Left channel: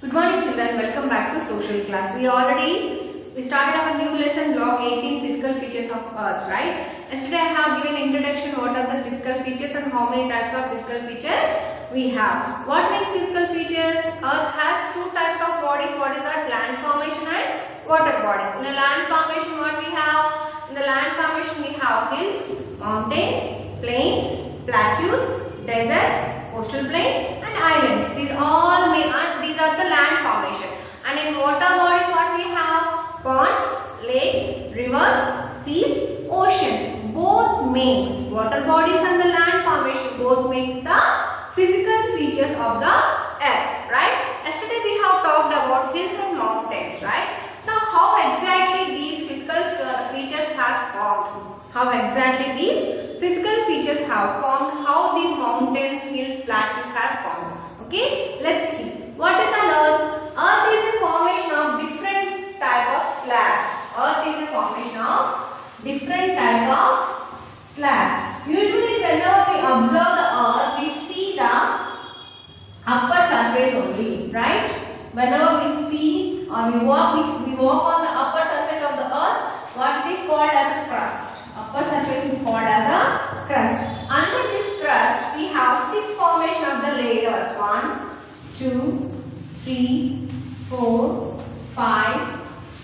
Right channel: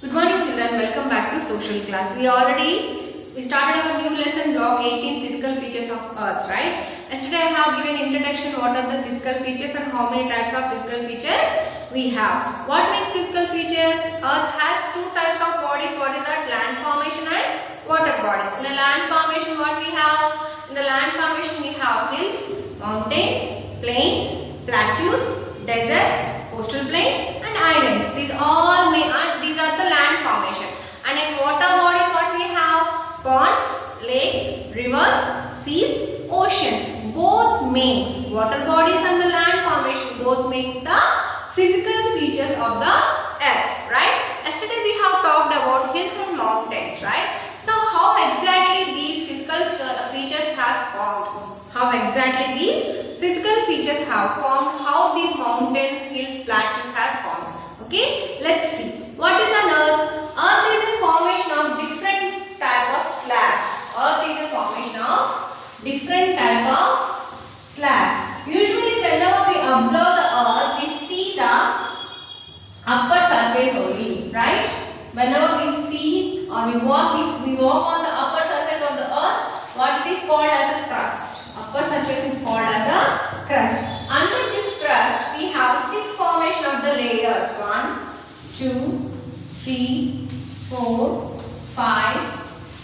Good morning children, welcome back to social class. We started our new lesson block 18 physical features of earth, right? Yesterday I have given introduction what are the physical features and how many types of physical features we have. What makes physical features? Earth has two types of bodies. What is that? Land formation and water bodies. In the land formation what we have? In the land formation we have hills, mountains, plains, plateaus, deserts, coastal plains and islands. These are the land formation. And in water bodies what we have? Ponds, lakes, rivers, seas, oceans. Both makes water bodies and the land formation both makes the physical features of the earth, right? Yesterday we have talked about hills and mountains, right? So how exactly these physical features has formed? How exactly these physical features have formed? How these mountains, hills, plateaus has formed? Okay, let's see. What is an earth? Earth is a formation of different type of slabs. Earth is a formation of different type of slabs. Usually whenever we observe the earth, we see the upper surface only, right? Whenever we see or we walk on the upper surface of the earth, what it is called as a crust. Upper surface is called as a crust. Under this crust, we have six formation of the layers. 1, 2, 3, 4, 5,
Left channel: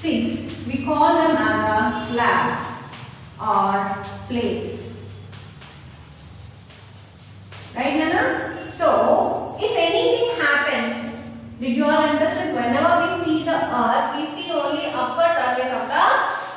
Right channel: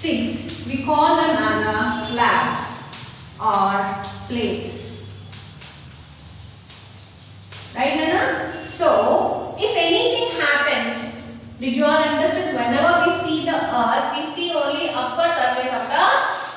6. We call them as slabs or plates. Right, Nana? So, if anything happens, did you all understand? Whenever we see the earth, we see only upper surface of the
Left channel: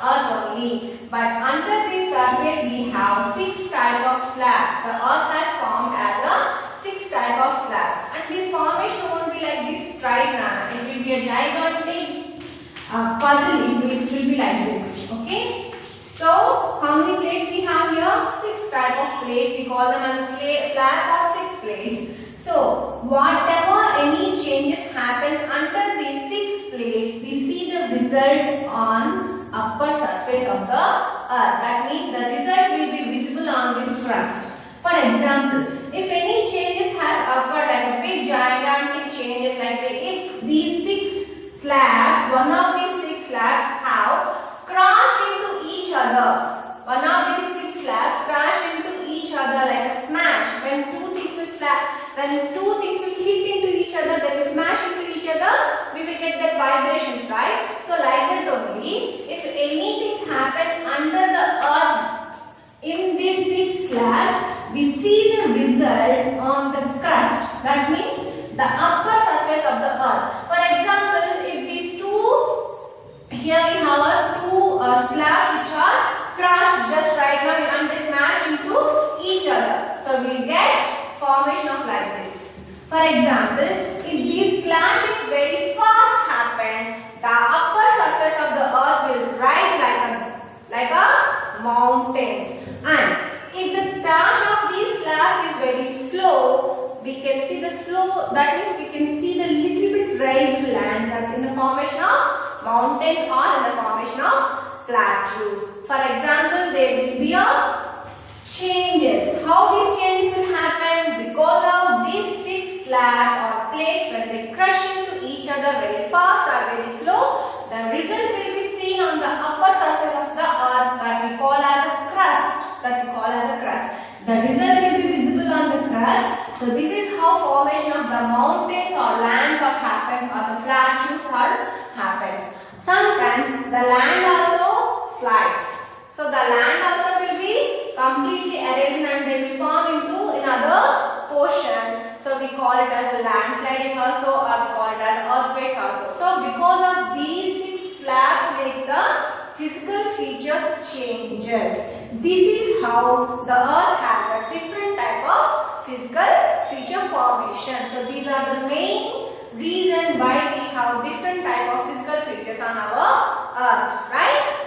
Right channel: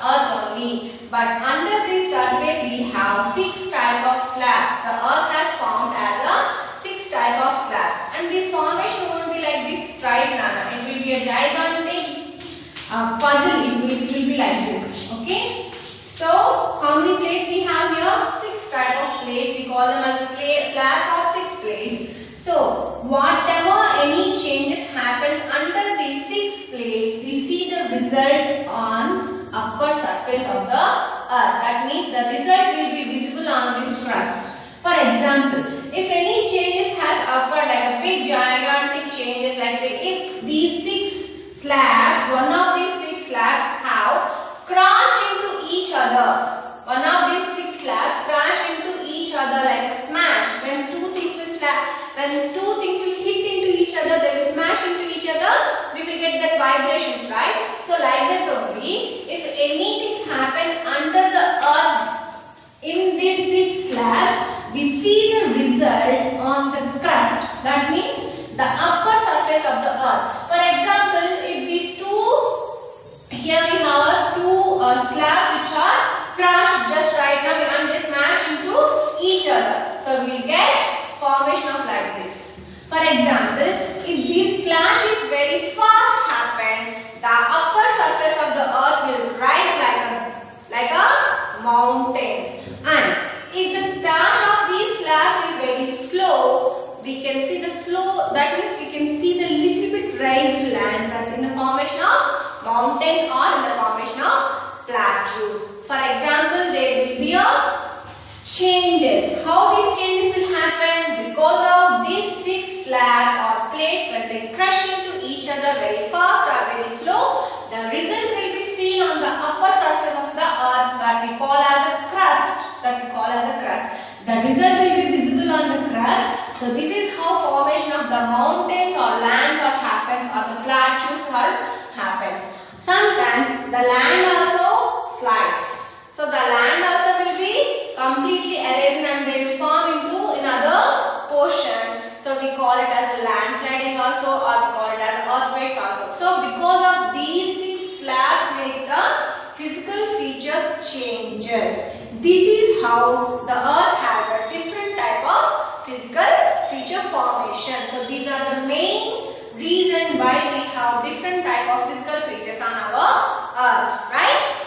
earth only. But under this surface, we have 6 type of slabs. The earth has formed as a 6 type of slabs. And this formation won't be like this straight, Nana. It will be a gigantic puzzle. It will be like this. Okay? So, how many plates we have here? 6 type of plates. We call them as a slab of 6 plates. So, whatever any changes happens under these 6 plates, we see the result on upper surface of the earth. That means the result will be visible on this crust. For example, if any changes has occurred like a big gigantic changes like if these 6 slabs, one of these 6 slabs have crashed into each other. One of these 6 slabs crash into each other like a smash. When two things will hit into each other, they will smash into each other, we will get that vibrations, right? So like that only, if anything happens under the earth in these 6 slabs, we see the result on the crust. That means the upper surface of the earth. For example, if these here we have 2 slabs which are crushed just right now and they smash into each other. So we will get formation of like this. For example, if these clashes very fast happen, the upper surface of the earth will rise like a mountains. And if the crash of these slabs is very slow, we can see the slow, that means we can see the little bit raised land that in the formation of mountains or in the formation of plateaus. For example, there will be a changes. How these changes will happen? Because of these 6 slabs or plates, when they crush into each other very fast or very slow, the result will be seen on the upper surface of the earth that we call as a crust. The result will be visible on the crust. So this is how formation of the mountains or lands or happens or the plateaus happens. Sometimes the land also slides. So the land also will be completely erased and they will form into another portion. So we call it as a landsliding also, or we call it as earthquakes also. So because of these 6 slabs makes the physical features changes. This is how the earth has a different type of physical feature formation. So these are the main reason why we have different type of physical features on our earth, right?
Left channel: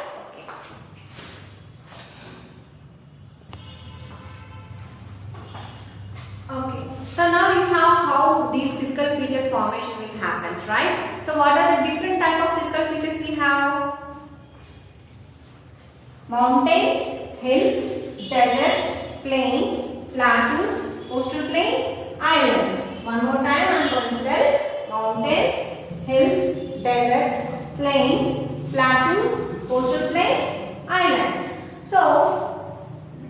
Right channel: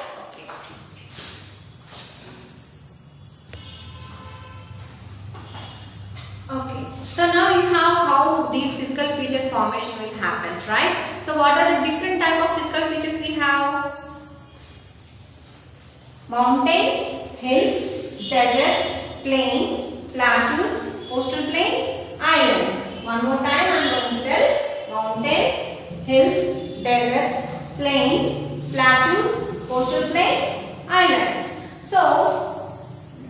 Okay, so now you have how these physical features formation will happen, right? So what are the different type of physical features we have? Mountains, hills, deserts, plains, plateaus, coastal plains, islands. One more time I am going to tell: mountains, hills, deserts, plains, plateaus, coastal plains, islands. So,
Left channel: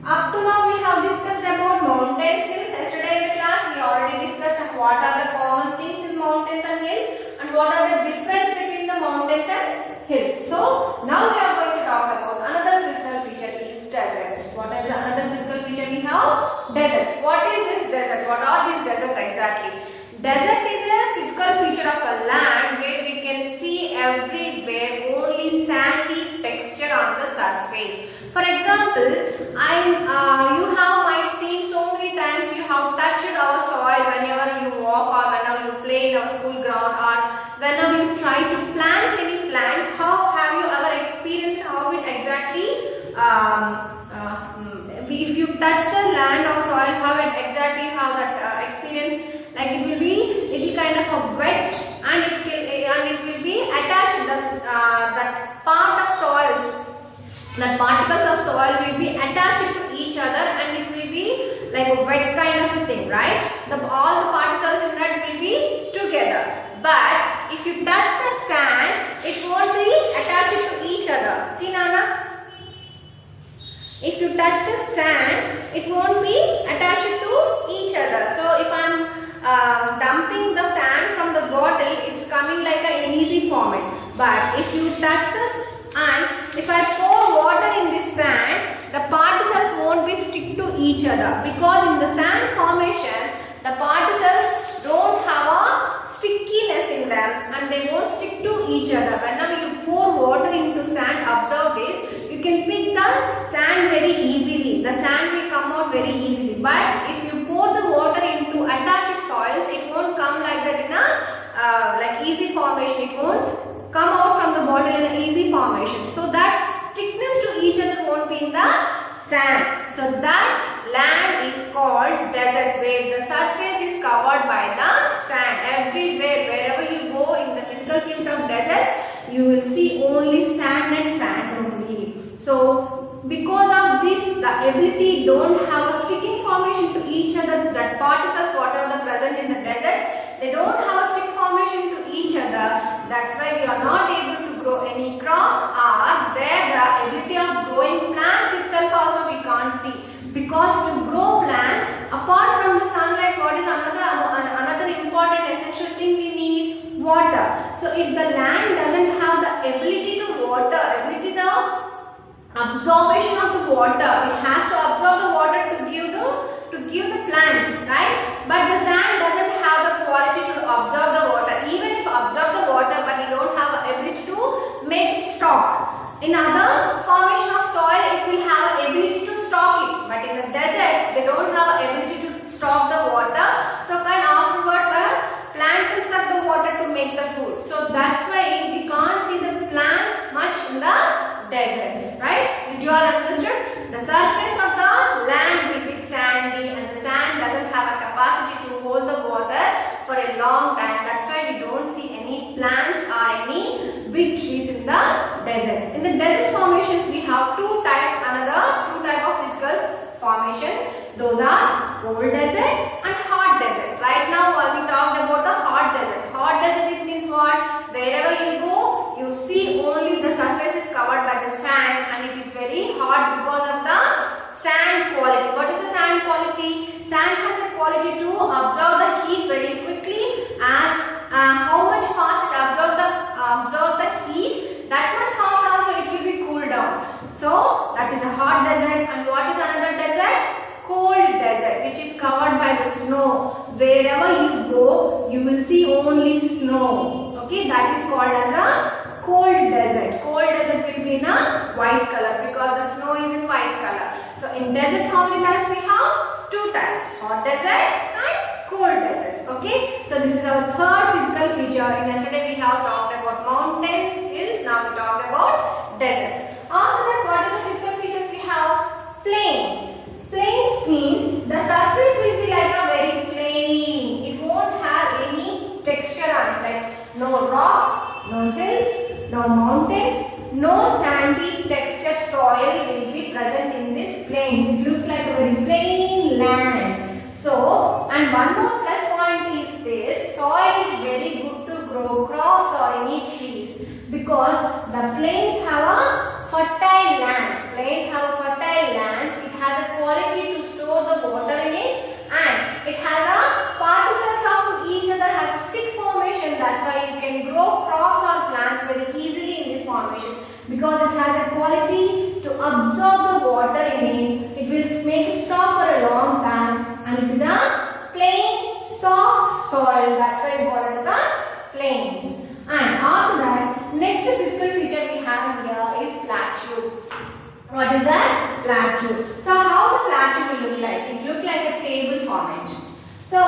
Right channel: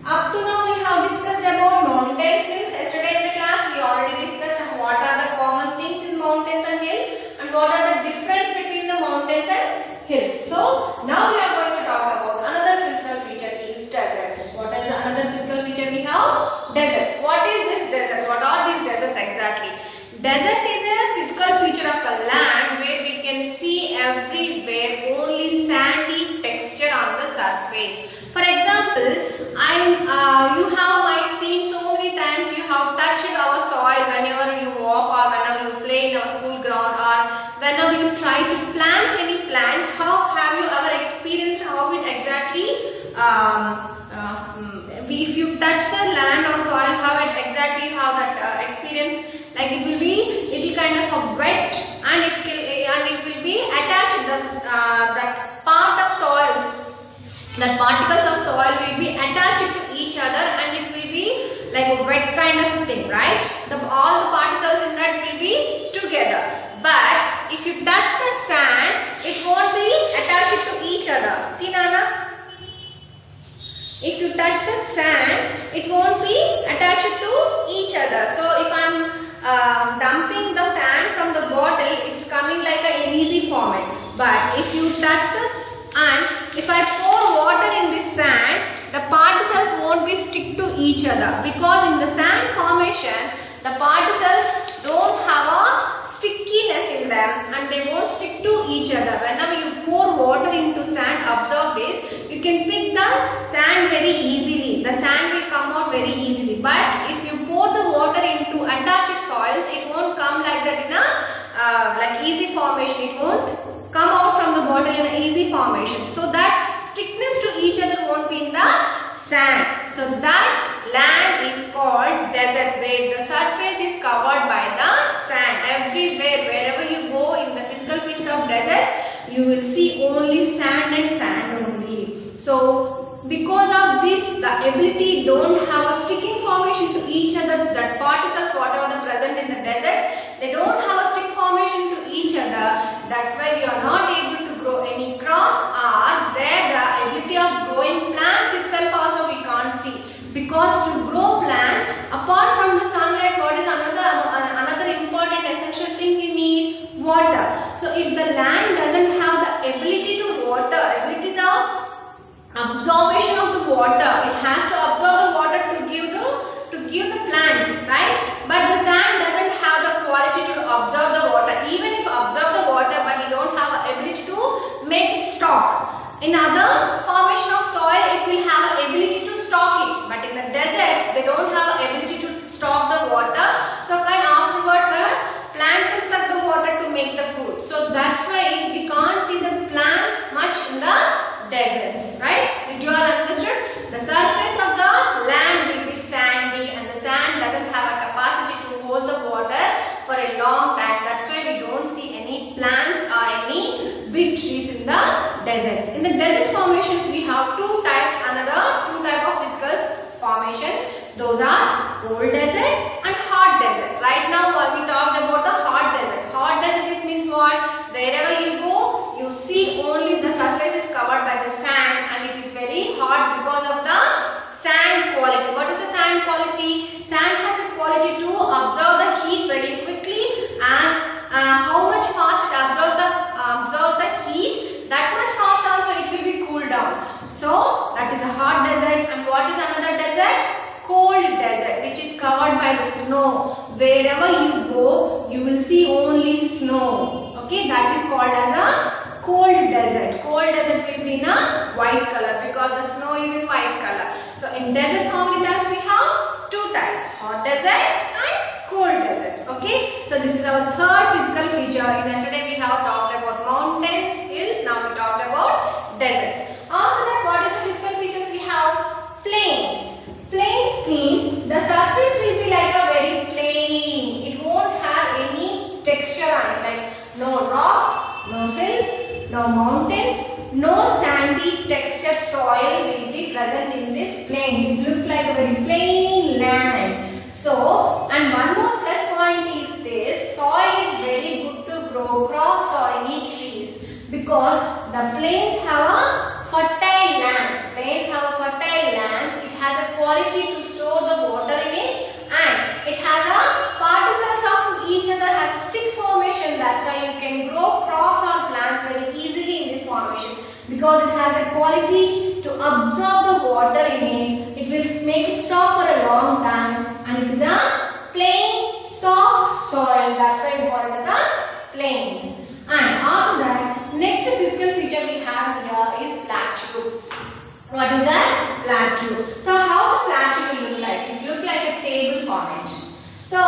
up to now we have discussed about mountains, hills. Yesterday in the class we already discussed what are the common things in mountains and hills and what are the difference between the mountains and hills. So, now we are going to talk about another physical feature is deserts. What is another physical feature we have? Deserts. What is this desert? What are these deserts exactly? Desert is a physical feature of a land where we can see everywhere only sandy texture on the surface. For example, you have might seen so many times you have touched our soil whenever you walk or whenever you play in our school ground or whenever you try to plant any plant. How have you ever experienced how it exactly if you touch the land or soil, how it exactly how that experience, like it will kind of a wet and it will be attached that part of soils, that particles of soil will be attached to each other and it will be like a wet kind of a thing, right? All the particles in that will be together. But if you touch the sand, it won't be attached to each other. See, Nana? If you touch the sand, it won't be attached to each other. So if I am dumping the sand from the bottle, it's coming like an easy format. But if you touch this and if I pour water in this sand, the particles won't be stick to each other because in the sand formation, the particles don't have a stickiness in them and they won't stick to each other. Whenever you pour water into sand, observe this, you can pick the sand very easily. The sand will come out very easily. But if you pour the water into attached soils, it won't come like that in a like easy formation. It won't come out from the bottle in an easy formation. So that thickness to each other won't be in the sand. So that land is called desert where the surface is covered by the sand. Everywhere, wherever you go in the physical feature of deserts, you will see only sand and sand only. So because of this, the ability don't have a sticking formation to each other, that particles whatever the present in the deserts, they don't have a stick formation to each other. That's why we are not able to grow any crops or there the ability of growing plants itself also we can't see. Because to grow plant, apart from the sunlight, what is another important essential thing we need? Water. So if the land doesn't have the ability to water, the absorption of the water, it has to absorb the water to give the plant, right? But the sand doesn't have the quality to absorb the water. Even if absorb the water, but it don't have the ability to make it stock. In other formation of soil, it will have an ability to stock it. But in the deserts, they don't have an ability to stock the water. So afterwards, the plant will suck the water to make the food. So that's why we can't see the plants much in the deserts, right? Did you all understood? The surface of the land will be sandy and the sand doesn't have a capacity to hold the water for a long time. That's why we don't see any plants or any big trees in the deserts. In the desert formations, we have another two type of physical formation. Those are cold desert and hot desert. Right now we talked about the hot desert. Hot desert means what? Wherever you go, you see only the surface is covered by the sand and it is very hot because of the sand quality. What is the sand quality? Sand has a quality to absorb the heat very quickly. As how much fast it absorbs the heat, that much fast also it will be cooled down. So that is a hot desert. And what is another desert? Cold desert, which is covered by the snow. Wherever you go, you will see only snow. Okay, that is called as a cold desert. Cold desert will be in a white color because the snow is in white color. So in deserts, how many types we have? Two types, hot desert and cold desert. Okay, so this is our third physical feature. In yesterday we have talked about mountains, hills. Now we talked about deserts. After that, what is the physical features we have? Plains. Plains means the surface will be like a very plain. It won't have any texture on it, like no rocks, no hills, no mountains, no sandy textured soil will be present in this plains. It looks like a very plain land. So, and one more plus point is this, soil is very good to grow crops or eat trees, because the plains have a fertile lands. Plains have a fertile lands. It has a quality to store the water in it, and it has a particles of each other, has a stick formation. That's why you can grow crops or plants very easily in this formation, because it has a quality to absorb the water in it. It will make it stop for a long time, and it is a plain soft soil. That's why we call it as a plains. And after that, next physical feature we have here is plateau. What is that? Plateau. So how the plateau will look like? It look like a table format. So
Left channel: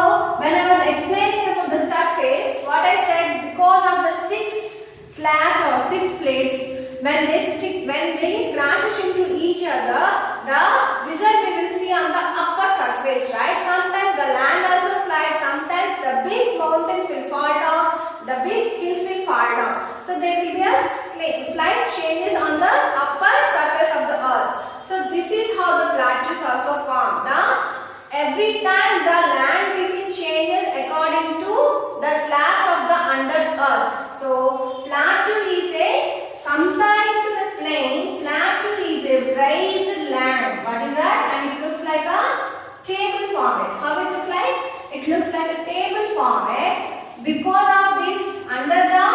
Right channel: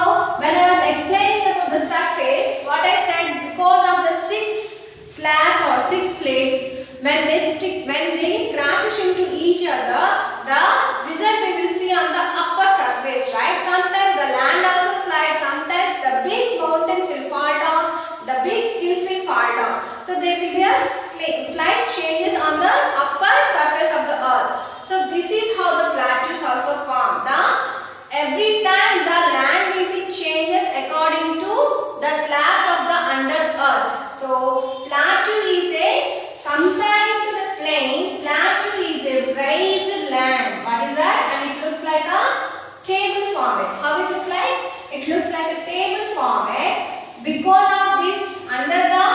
when I was explaining about the surface, what I said, because of the 6 slabs or 6 plates, when they crashes into each other, the result we will see on the upper surface, right? Sometimes the land also slides, sometimes the big mountains will fall down, the big hills will fall down. So there will be a slight changes on the upper surface of the earth. So this is how the plateaus also form. Every time the land will be changes according to the slabs of the under earth. So plateau is a, comparing to the plain, plateau is a raised land. What is that? And it looks like a table format. How it look like? It looks like a table format. Because of this, under the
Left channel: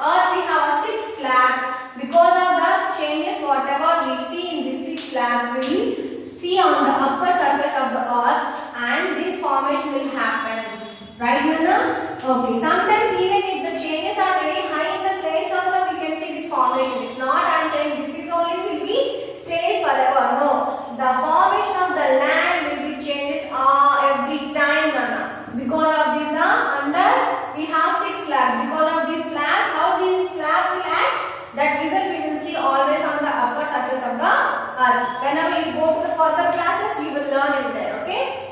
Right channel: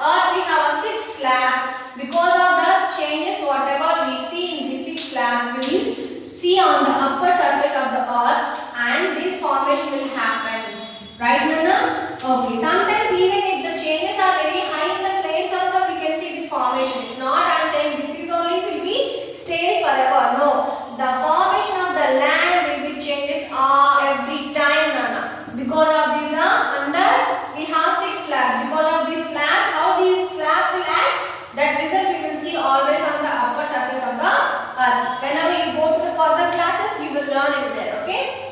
earth we have a 6 slabs. Because of the changes whatever we see in these 6 slabs, we will see on the upper surface of the earth, and this formation will happen. Right, Nana? Okay. Sometimes even if the changes are very high in the plains also, we can see this formation. It's not I am saying this is only will be stayed forever. No. The formation of the land will be changes every time, Nana. Because of this under we have 6 slabs. Because of these slabs, how these slabs will act, that result we will see always on the upper surface of the earth. Whenever you go to the further classes, you will learn it there. Okay.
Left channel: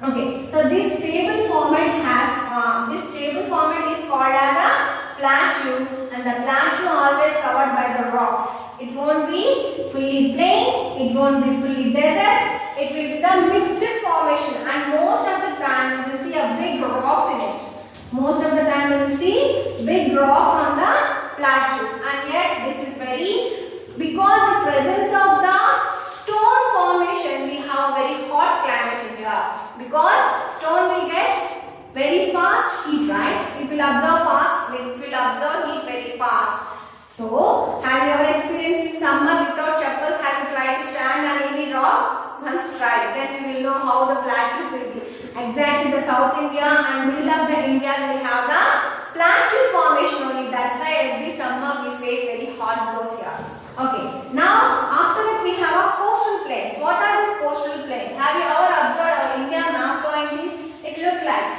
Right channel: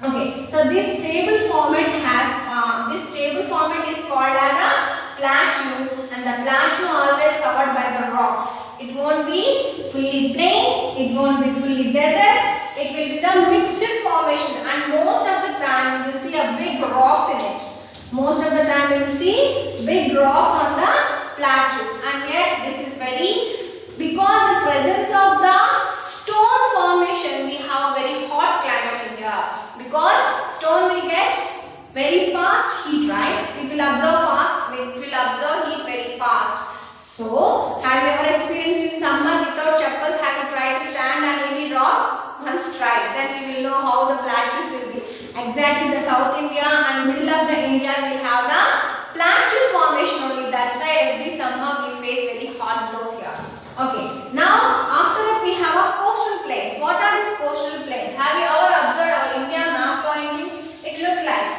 Okay, so this table format is called as a plateau, and the plateau always covered by the rocks. It won't be fully plain, it won't be fully deserts, it will be the mixed formation, and most of the time you will see a big rocks in it. Most of the time you will see big rocks on the plateaus, and yet this is because the presence of the stone formation, we have a very hot climate in here. Because stone will get very fast heat, right? It will absorb fast, it will absorb heat very fast. So, have you ever experienced in summer without chappals? Have you tried to stand on any rock? Once try, then we will know how the plateaus will be. Exactly the South India and middle of the India will have the plateaus formation only. That's why every summer we face very hot blows here. Okay, now after that we have a coastal plains. What are these coastal plains? Have you ever observed our India map pointing? It looks like.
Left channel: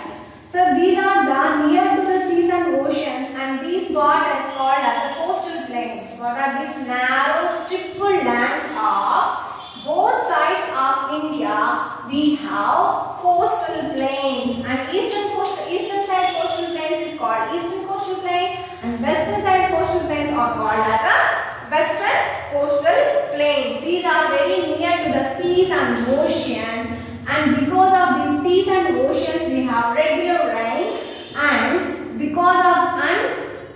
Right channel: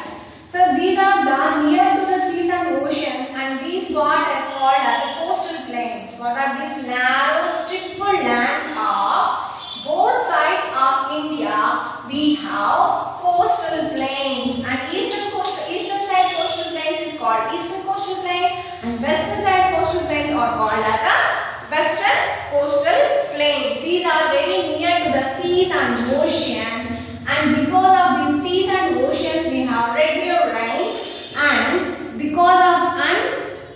So these are the near to the seas and oceans, and these part is called as coastal plains. What are these? Narrow strip lands of both sides of India. We have coastal plains, and eastern side coastal plains is called eastern coastal plain, and western side coastal plains are called as a western coastal plains. These are very near to the seas and oceans, and because of these seas and oceans we have regular rains, and because of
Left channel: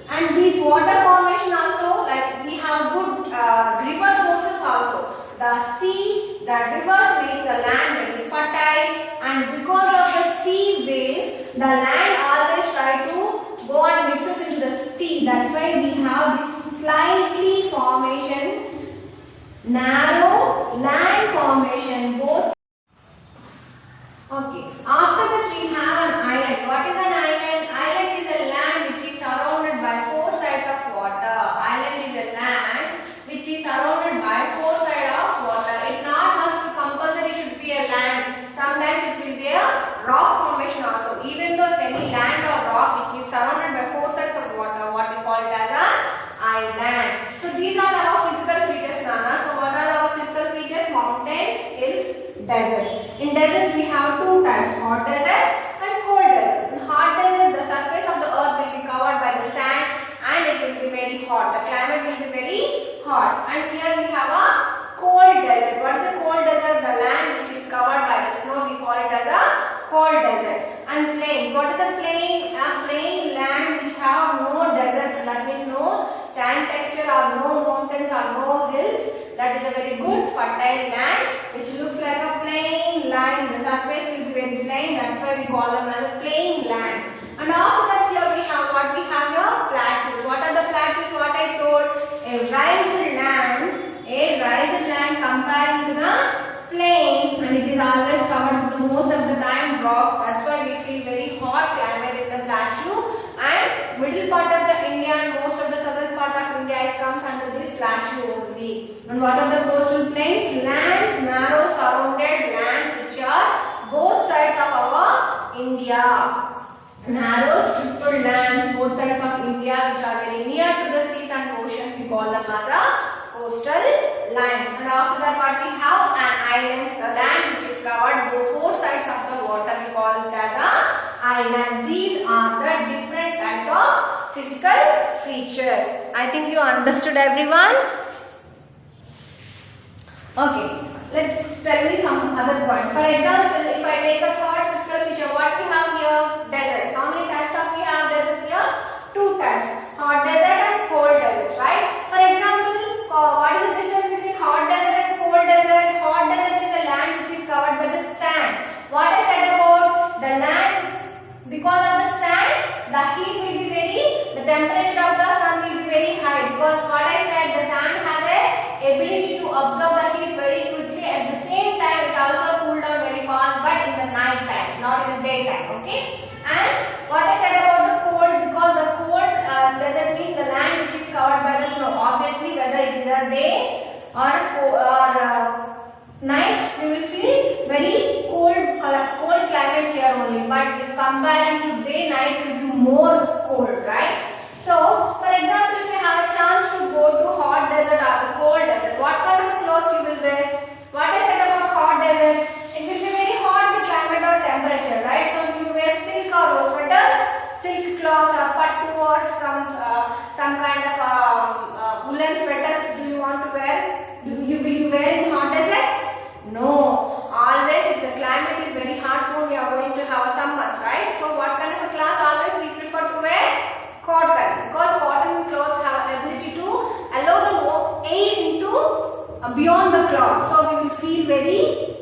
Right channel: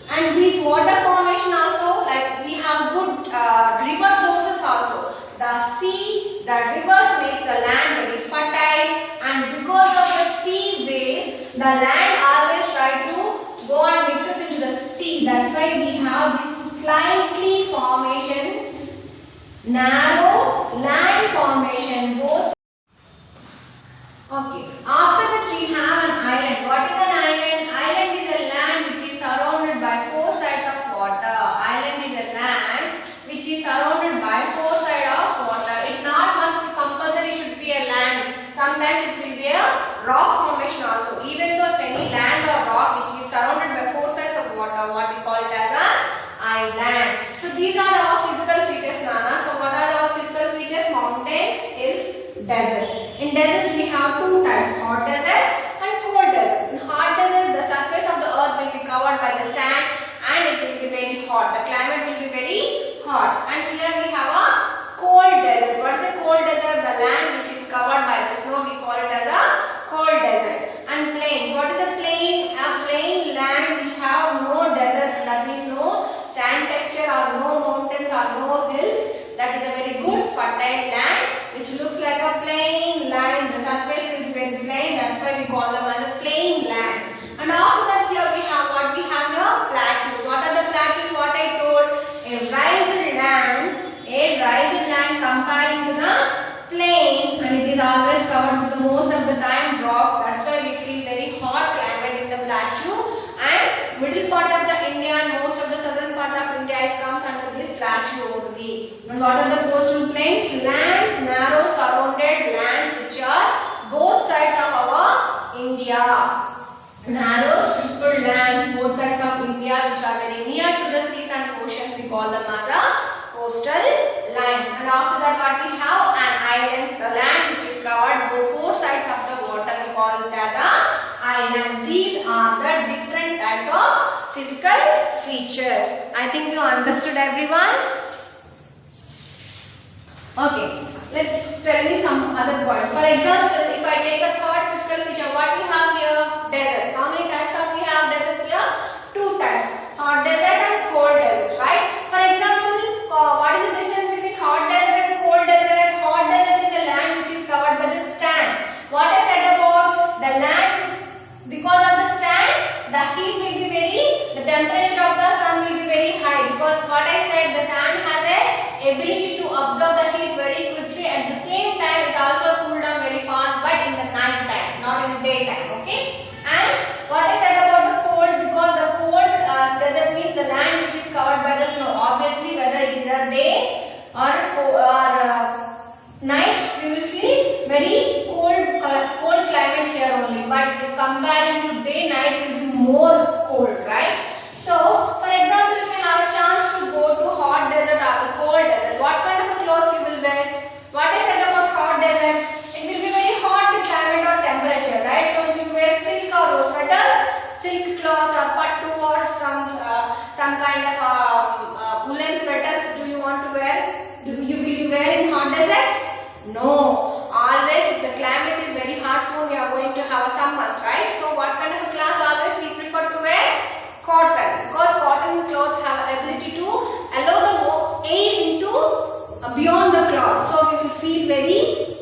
and these water formation also, like we have good river sources also. The sea, the rivers makes the land very fertile, and because of the sea waves, the land always try to go and mixes into the sea. That's why we have this slightly formation, narrow land formation both. Okay, after that we have an island. What is an island? Island is a land which is surrounded by 4 sides of water. Island is a land which is surrounded by 4 sides of water. It not must be compulsory should be a land. Sometimes it will be a rock formation also. Even though if any land or rock which is surrounded by 4 sides of water, what we call it as an island. So these are our physical features, Nana. So what are our physical features? Mountains, hills, deserts. In deserts we have 2 types, hot deserts and cold deserts. In hot deserts, the surface of the earth will be covered by the sand, and it will be very hot. The climate will be very hot. And here we have a cold desert. What is a cold desert? The land which is covered by the snow, we call it as a cold desert. And plains. What is a plain? A plain land which have means no sand texture or no mountains or no hills. That is a very good fertile land which looks like a plain land. The surface will be very plain. That's why we call them as a plain lands. And after that here we have what we have here? Plateaus. What are the plateaus? What I told? A rising land comparing to the plains, and it is always covered with most of the time rocks. That's why we feel very hot climate in the plateau. And middle part of the India and most of the southern part of India comes under this plateau only. And what are the coastal plains? Lands, narrow surrounded lands which are both sides of our India. Narrow striped lands both sides of India which are very near to the seas and oceans, we call them as a coastal lines. And after that what we have? An islands, the land which is covered both four sides of the water, we call it as a island. These are the different types of physical features. I think you understood, everyone. Okay, let's tell me some other points. For example, if I take a third physical feature, what we have here? Deserts. How many types of we have deserts here? Two types, hot desert and cold desert, right? For example, what is the difference between hot desert and cold desert? Hot desert is a land which is covered by the sand. What I said about the land, because of the sand, the heat will be the temperature of the sun will be very high, because what I said, the sand has a ability to absorb the heat very quickly. At the same time, it also cool down very fast, but in the night time, not in the daytime, okay? And what I said about the cold, because the cold desert means the land which is covered by the snow. Obviously, whether it is a day or night, you will feel very cold climate here only. But if comparing to day, night will be more cold, right? So, for example, if you have a chance to go to hot desert or the cold desert, what kind of clothes you will wear? What I said about hot desert, it will be very hot climate or temperature, right? So, will you wear silk or sweaters, silk cloths or pattu or some kind of woolen sweaters do you want to wear? Will you wear in hot deserts? No. Always if the climate is very hot, soon we are going to have a summers, right? So what kind of a cloth always we prefer to wear? Cotton, because cotton clothes have ability to allow the air into beyond the cloth. So we will feel very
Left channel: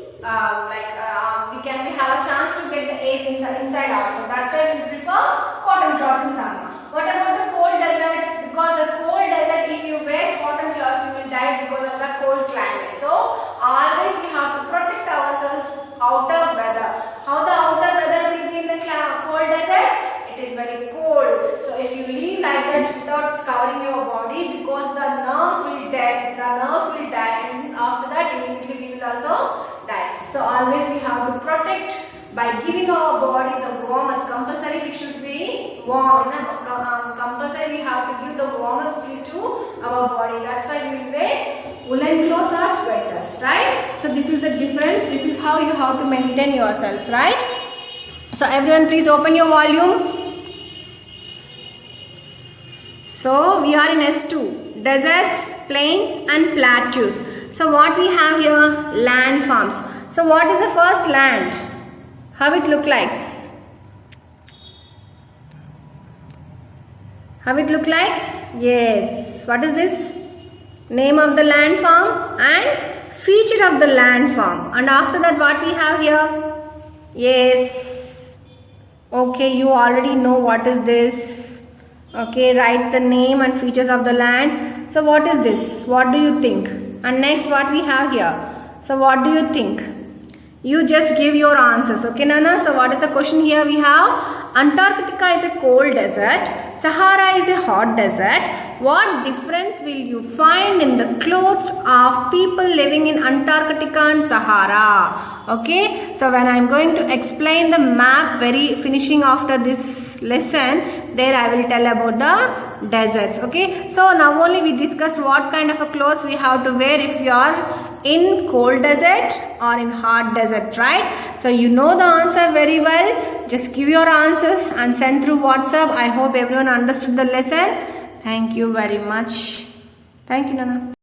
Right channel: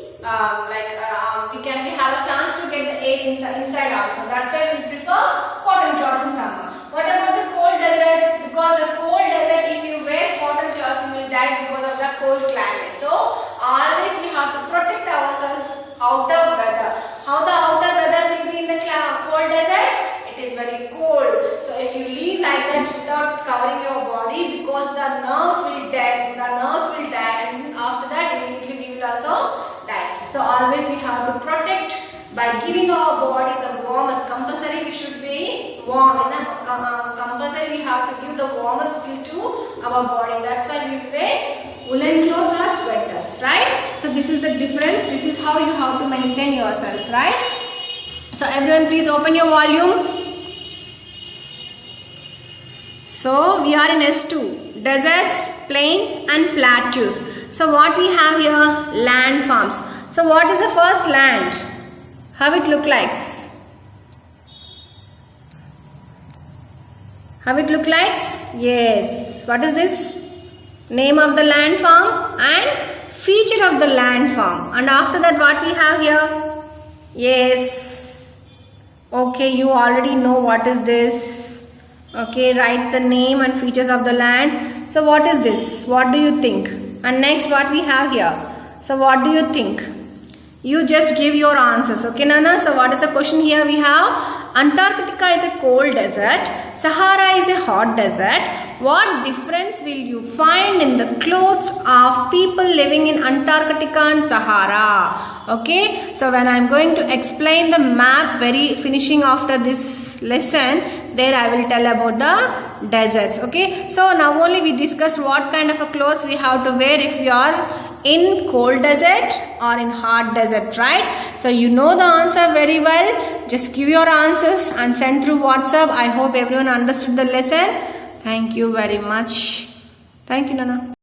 we have a chance to get the air inside also. That's why we prefer cotton cloths in summer. What about the cold deserts? Because the cold desert, if you wear cotton cloths, you will die because of the cold climate. So always we have to protect ourselves outer weather. How the outer weather will be in the cold desert? It is very cold. So if you leave like that without covering your body, because the nerves will die, and after that immediately we will also die. So always we have to protect by giving our body the warmth. Compulsory we should be warm. Compulsory we have to give the warmth feel to our body. That's why we wear woolen clothes or sweaters, right? So this is the difference. This is how you have to maintain yourselves, right? So everyone please open your volume. So we are in S2, deserts, plains and plateaus. So what we have here? Land forms. So what is the first land? How it look like? How it look like? Yes. What is this? Name of the land form and feature of the land form. And after that what we have here? Yes. Okay, you already know what is this. Okay, write the name and features of the land. So what is this? What do you think? And next what we have here? So what do you think? You just give your answers. Okay, Nana? So what is the question here? We have Antarctica is a cold desert. Sahara is a hot desert. What difference will you find in the clothes of people living in Antarctica and Sahara? Okay, so when I am going to explain the map finishing after this lesson, there I will tell about the deserts. Okay, so now only we discussed what kind of a clothes we have to wear if we are in cold desert or in hot desert, right? So you know the answer very well. Just give your answers and send through WhatsApp. I hope everyone understood the lesson. Thank you very much. Thank you, Nana.